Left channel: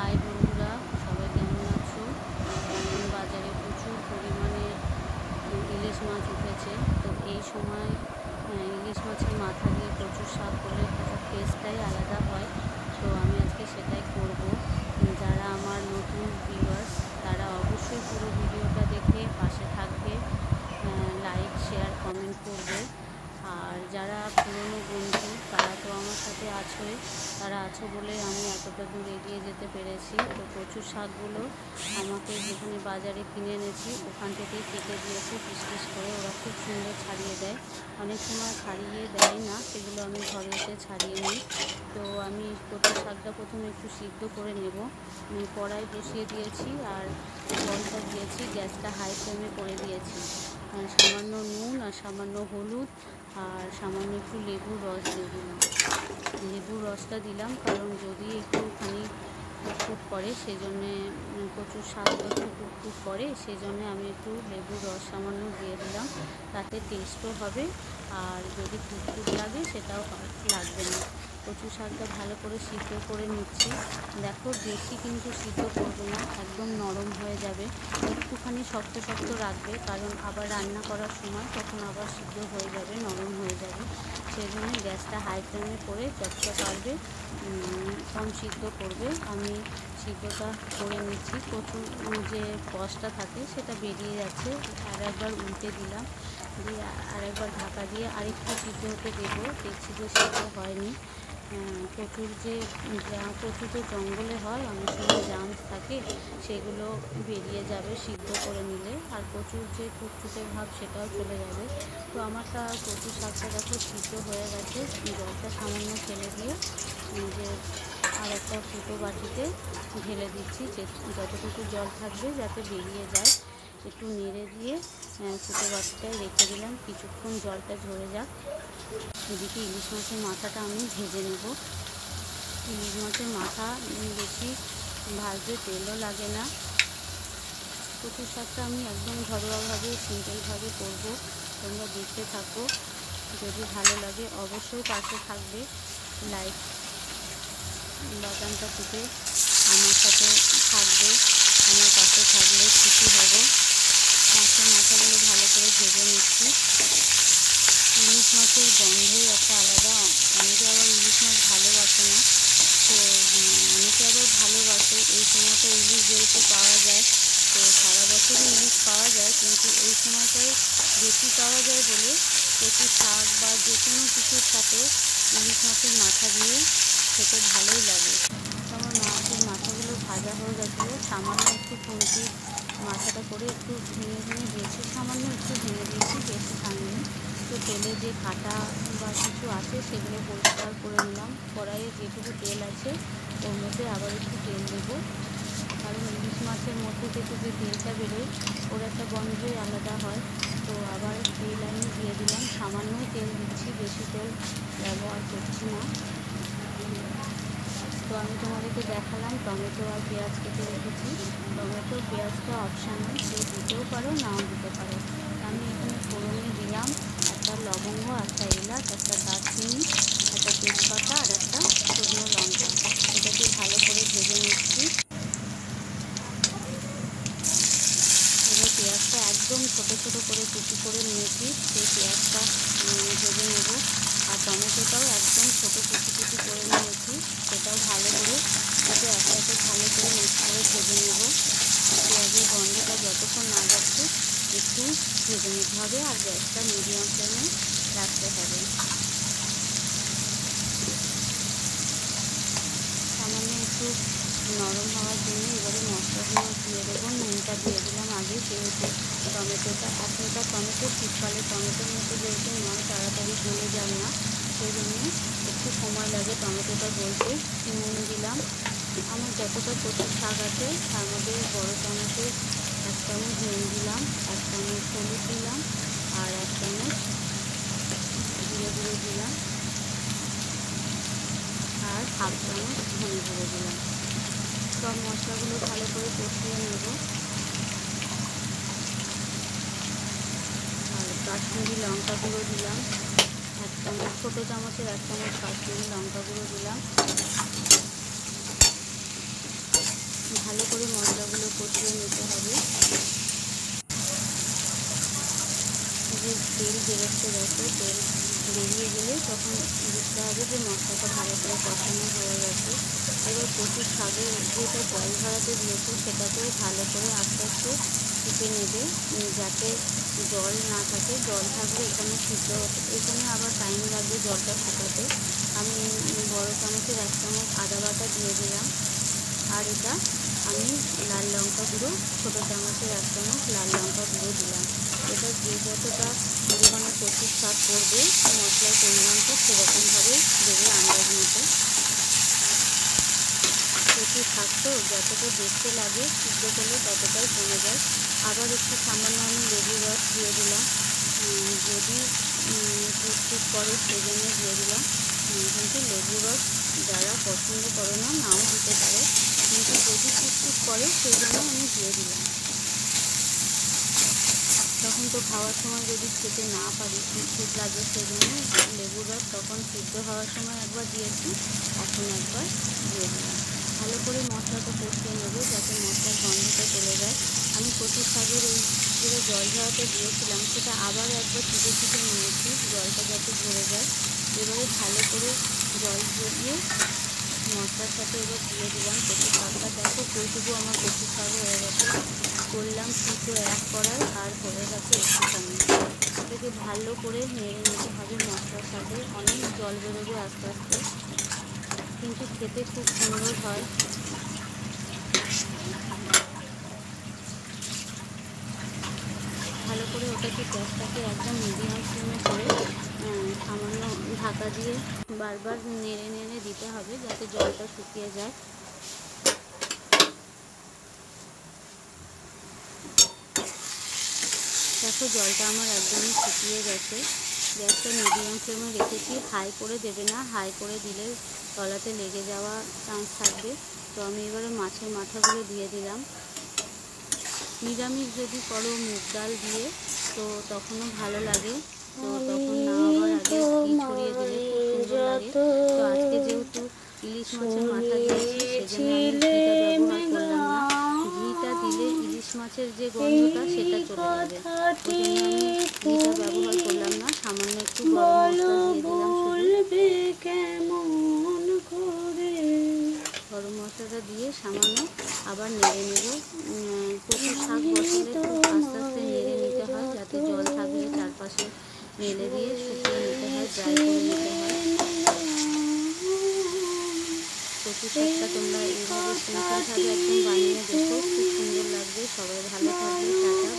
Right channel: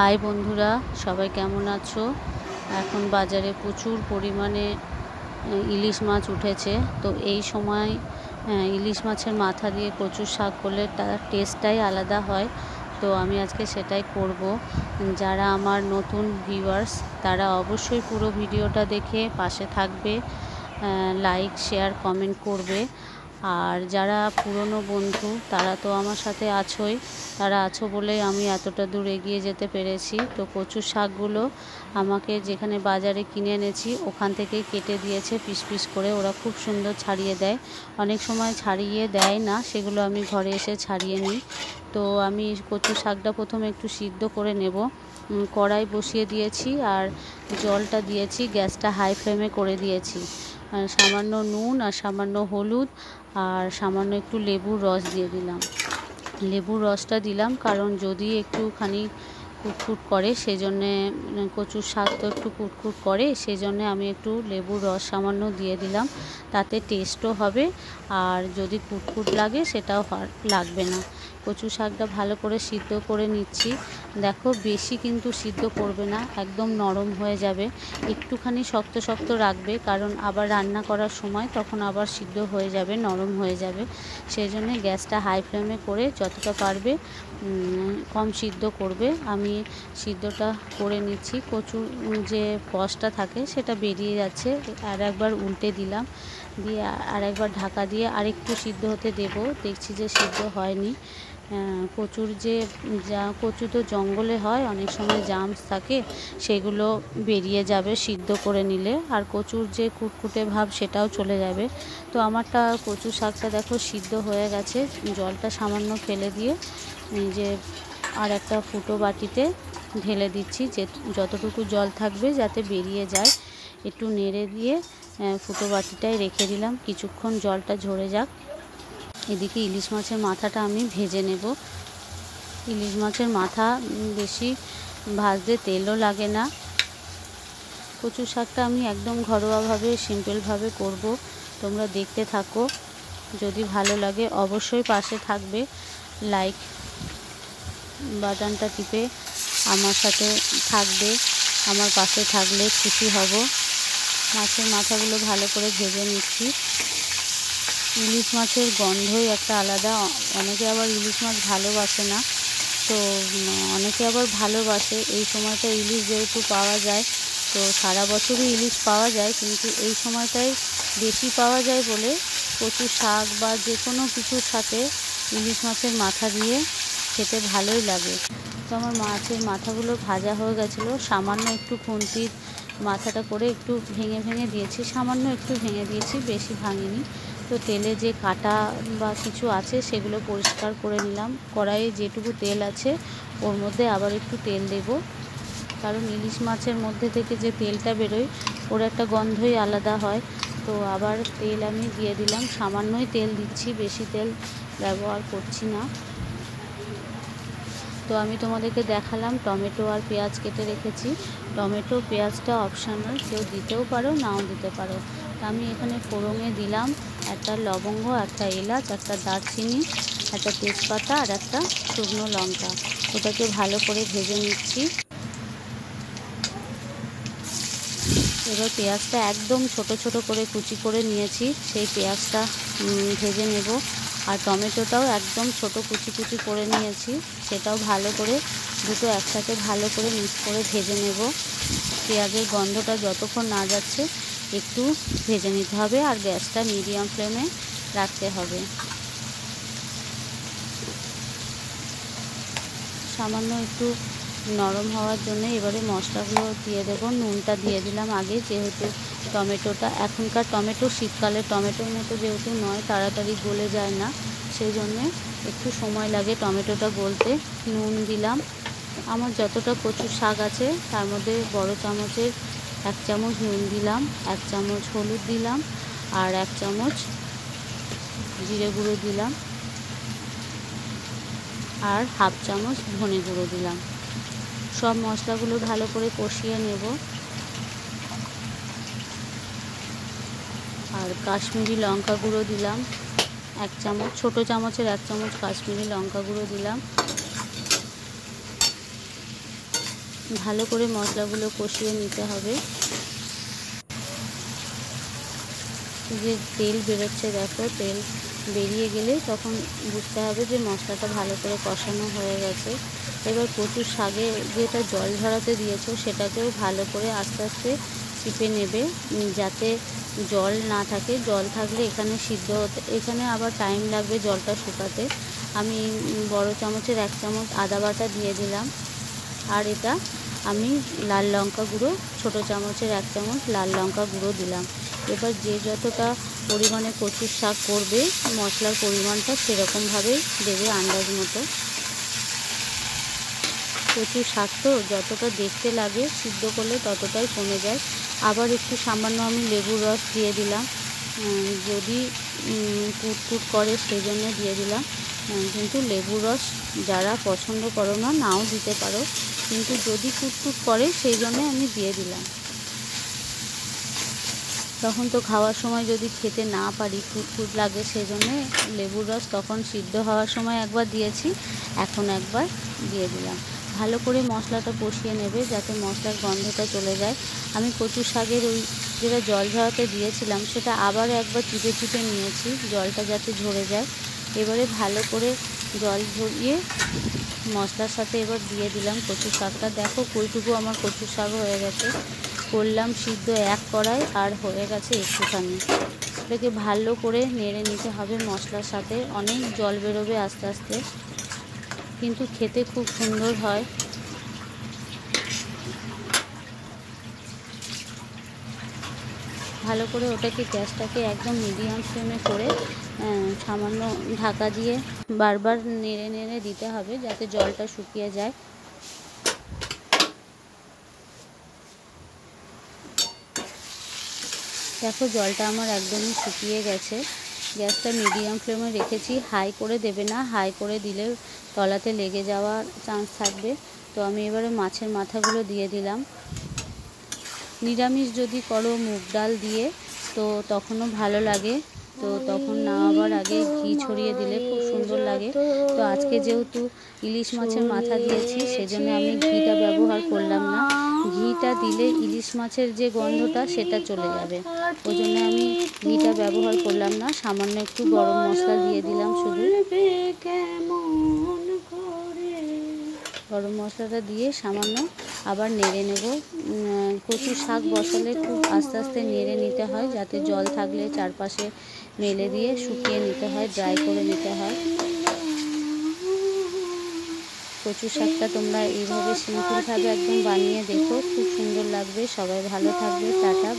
High বন্ধুরা, সবাই কেমন আছো? এখন বাজারে প্রচুর পরিমাণে ইলিশ মাছ উঠেছে। তো এই সময় ইলিশ মাছের মাথা দিয়ে কচুর শাক করলে তার টেস্টটাই আলাদা হয়। তো আমি আজকে সেটাই করব। যারা আমার নতুন ভিউয়ার্স তারা অবশ্যই পুরো ভিডিওটা দেখে পাশে থাকবে, লাইক শেয়ার কমেন্ট করবে। আর যারা পুরনো বন্ধু তারা তো আমার সাথে আছোই, তারা আছো বলেই আমি এতটা দূর এগিয়ে যেতে পেরেছি। তো কচুর শাকগুলো আমাকে যেখানে বাজারে কিনে এনেছি ওখান থেকেই কেটে দিয়েছে পিস পিস করে। ওরা খুব সুন্দর ছাড়িয়ে দেয়, অনেক সময় ছাড়িয়ে দেয় না, সেগুলো আমি ঘরে এসে ছাড়িয়ে নিই। তো আমি কচুর শাকটা প্রথমে একটু সিদ্ধ করে নেব। কড়াই বসিয়ে দিয়েছি আর জলটা দিয়েছি, গ্যাসটা হাই ফ্লেমে করে দিয়েছি। সামান্য নুন আর সামান্য হলুদ আর সামান্য একটু লেবুর রস দিয়ে দিলাম। লেবুর রসটা দিলাম কারণ যদি একটুখানি কুটকুট করে, সেই জন্যে কচুর শাক তো একটু কুটকুট করে, সেই জন্যে আমি একটু লেবুর রস সামান্য দিয়ে দিলাম। তাতে টেস্টও হবে, আর যদি কুটকুট লাগে সেটাও লাগবে না। কচু শাকটা ভালো করে সিদ্ধ করে নিচ্ছি। দেখো, বেশি কিন্তু সিদ্ধ করবে না, একদম নরম হয়ে যাবে। একটুখানি শক্ত শক্ত রাখবে, কারণ আবার রান্না করার সময় তখন আবার সিদ্ধ হয়ে যাবে, নরম হয়ে যাবে। সেই জন্যে গ্যাসটা হাই ফ্লেমে করে যতটা পারবে কম সিদ্ধ করবে। আমি সিদ্ধটা করে নিচ্ছি। কচুর যে রসটা থাকে সেটা বেরিয়ে যাচ্ছে। আর একবার উল্টে দিলাম, দিয়ে আর একবার ঢাকা দিয়ে আরেকটু সিদ্ধ হতে দেব। দেখছি যে সিদ্ধ হয়নি। কচু তো জঙ্গলে হয়, অনেক সময় জামস থাকে, সেগুলো বেরিয়ে যাবে সিদ্ধ করে নিলে, আর কচুর যে কুটকুটে ভাব সেটাও চলে যাবে। তো আমারটা কচু শাকটা দেখো সিদ্ধ হয়ে গেছে। জলটা সামান্য ফেলে দিয়ে যে আর একটা ফুটো বাটিতে ঢেলে দিচ্ছি, যে যতটুকু জল থাকবে যাতে বেরিয়ে যায়। একটু নেড়ে দিয়ে ফুটো বাটিটায় রেখে দিলাম, কিছুক্ষণ জলটা ঝরে যাক। এদিকে ইলিশ মাছের মাথাটা আমি ভেজে নেব। ইলিশ মাছের মাথা বেশি ভাজতে তেলও লাগে না। কচু শাকটা আমি একদম ঘরোয়াভাবে সিম্পলভাবে করব, তোমরা দেখতে থাকো। যদি ভালো লাগে অবশ্যই পাশে থাকবে, লাইক বাটনটা টিপে আমার সাথে থাকবে। আমার পাশে থাকলে খুশি হব। মাছের মাথাগুলো ভালো করে ভেজে নিচ্ছি। ইলিশ মাছের গন্ধই একটা আলাদা। অনেকে আবার ইলিশ মাছ ভালোবাসে না, তো অনেকে আবার ভালোবাসে। এই সময়টা ইলিশ যেহেতু পাওয়া যায়, তো সারা বছরই ইলিশ পাওয়া যায়, কিন্তু এই সময়টাই বেশি পাওয়া যায় বলে কচু শাক বা যে কোনো কিছুর সাথে ইলিশ মাছের মাথা দিয়ে খেতে ভালোই লাগে। তো আমার মাছের মাথাগুলো ভাজা হয়ে গেছিলো। সামান্য একটু খুন্তির মাথাটা করে একটু ভেঙে ভেঙে দিয়েছি, সামান্য একটু ভেঙে দিয়েছি, বেশি ভাঙিনি। তো তেলে যে কাটা বা কিছু আছে সেগুলো পরিষ্কার করে নিলাম। কড়াইয়ে যেটুকু তেল আছে ওর মধ্যে আবার একটু তেল দেব, কারণ ইলিশ মাছের মধ্যে থেকে যে তেলটা বেরোয় ওর একটা গন্ধই আলাদা হয়। তো আবার তেল আমি দিয়ে দিলাম, সামান্যই তেল দিচ্ছি, বেশি তেল ব্যবহার করছি না। তো আমি তোমাদেরকে দেখালাম টমেটো আর পেঁয়াজ কেটে রেখেছি। টমেটো পেঁয়াজটা অপশানাল, কেউ দিতেও পারো নাও দিতে পারো। আমি এখানে ফোড়নে দিলাম একটা লবঙ্গ, একটা এলাচ, একটা দারচিনি, একটা তেজপাতা আর একটা শুকনো লঙ্কা। এটাকে ভালো করে ভেজে নিচ্ছি। এবার পেঁয়াজটা একদম ছোট ছোট করে কুচি করে নিয়েছি, সেই পেঁয়াজটা ভেজে নেব। আর টমেটোটাও একদম ছোট কুচি কুচি করে নিয়েছি, সেটাও ভালো করে দুটো একসাথে ভালো করে মিক্স করে ভেজে নেব। পেঁয়াজের গন্ধটা যতক্ষণ না যাচ্ছে একটু ভেজে নিতে হবে, আর গ্যাসটা মিডিয়াম ফ্লেমে রাখতে হবে। সামান্য একটু নরম হওয়ার জন্য এবারে মশলাগুলো দিয়ে দেবো। নুনটা দিয়ে দিলাম আগে, যেহেতু টমেটোটা এখনকার টমেটো শীতকালে টমেটোর মতো যেহেতু নয়, তাড়াতাড়ি গলে যায় না, সেই জন্যে একটু সময় লাগে টমেটোটা গলতে। নুন দিলাম, আমার যতটা কচু শাক আছে তার মধ্যে বড় চামচের 1 চামচ নুন দিলাম, 1 চামচ হলুদ দিলাম, আর 1 চামচ জিরে গুঁড়ো দিলাম, আর 1/2 চামচ ধনে গুঁড়ো দিলাম। সব মশলাগুলো ভালো করে কষিয়ে নেব। আর কাশ্মীরি লঙ্কা গুঁড়ো দিলাম 1 চামচ, ছোটো চামচের 1 চামচ কাশ্মীরি লঙ্কা গুঁড়ো দিলাম। ভালো করে মশলাগুলো কষিয়ে নিতে হবে। যে তেল বেরোচ্ছে দেখো, তেল বেরিয়ে গেলে তখন বুঝতে হবে যে মশলাটা ভালো করে কষানো হয়ে গেছে। এবার কচুর শাকে যেটা জল ঝরাতে দিয়েছো সেটাকেও ভালো করে আস্তে আস্তে টিপে নেবে, যাতে জল না থাকে। জল থাকলে এখানে সিদ্ধ হতে, এখানে আবার টাইম লাগবে জলটা শুকাতে। আমি বড় চামচের 1 চামচ আদা বাটা দিয়ে দিলাম। আর এটা আমি লাল লঙ্কা গুঁড়ো, ছোটো চামচের 1 চামচ লাল লঙ্কা গুঁড়ো দিলাম। এবার যে যতটা পরিমাণে কচুর শাক করবে মশলার পরিমাণটা সেরকমভাবেই দেবে আন্দাজ মতো। কচুর শাক তো যতটা দেখতে লাগে সিদ্ধ করলে ততটাই কমে যায়। আবার একটু সামান্য আমি লেবুর রস দিয়ে দিলাম, যদি টুকটুক করে সেই জন্য দিয়ে দিলাম। কিন্তু লেবুর রস যারা পছন্দ করো না নাও দিতে পারো, কিন্তু যদি টুকটুক করে সেই জন্য আমি দিয়ে দিলাম। তখন তো খাওয়ার সময় যদি খেতে না পারি টুকটুক লাগে, সেই জন্য লেবুর রস তখন সিদ্ধ হওয়ার সময় একবার দিয়েছি, এখন একবার দিয়ে দিলাম। ভালো করে মশলাটা কষিয়ে নেবে যাতে মশলার গন্ধটা চলে যায়। আমি কচুর শাকের ওই যেটা জল ঝরাতে দিয়েছিলাম সেটা আবারও একবার চিপে চিপে নিয়েছি, জলটা যাতে ঝরে যায়। এবারে ভালো করে জল ঝরিয়ে মশলার সাথে এবার দিয়ে দিলাম কচুর শাকটা। দেখো কইটুকু আমার কচুর শাক হয়ে গেছে। করলাম সিদ্ধ 1 কড়াই আর হয়ে গেছে একটুখানি। এটাকে ভালো করে নেড়ে নিতে হবে মশলার সাথে। অনেক জল বেরোবে আস্তে আস্তে, কিন্তু খেতে খুব সুন্দর হয়। ভালো করে ওটাকে গ্যাসটাকে একদম মিডিয়াম ফ্লেমে করে সামান্য ঢাকা দিয়ে বারবার নেড়ে নেড়ে দিতে হবে যাতে জলটা শুকিয়ে যায়। দেখো জলটা আমার একদমই শুকিয়ে গেছে। গ্যাসটা মিডিয়াম ফ্লেমে রেখেছি, হাই করে দেবে না, হাই করে দিলে তলাতে লেগে যাওয়ার চান্স থাকবে। তো আমি এবারে মাছের মাথাগুলো দিয়ে দিলাম। নিরামিষ যদি করো মুগ ডাল দিয়ে তো তখনও ভালো লাগে, তো তখন নামাবার আগে ঘি ছড়িয়ে দিলে খুব সুন্দর লাগে। তো আজকে যেহেতু ইলিশ মাছের মাথা দিয়েছি সেজন্য আমি ঘিটা ব্যবহার করলাম না। ঘিটা দিলে ইলিশ মাছের যে গন্ধটা সেটা চলে যাবে, ওই জন্য আমি ঘিটা ব্যবহার করলাম না। সামান্য একটু গরম মশলা দিয়ে দিলাম, শুধু গরম মশলাটা দিয়ে সামান্য আবার নেড়ে নেব। কচুর শাক বসালে খুব আস্তে আস্তে নেড়ে নিতে হয়, যাতে জল থাকলে চারপাশে মেলে দিয়ে শুকিয়ে নিতে হয়, ড্রাই করে নিতে হয়। কচুর শাকটা তোমরা এইভাবে সিম্পলভাবে একদম বানিয়ে দেখো, খুব সুন্দর লাগবে। সবাই ভালো থাকবে, টাটা।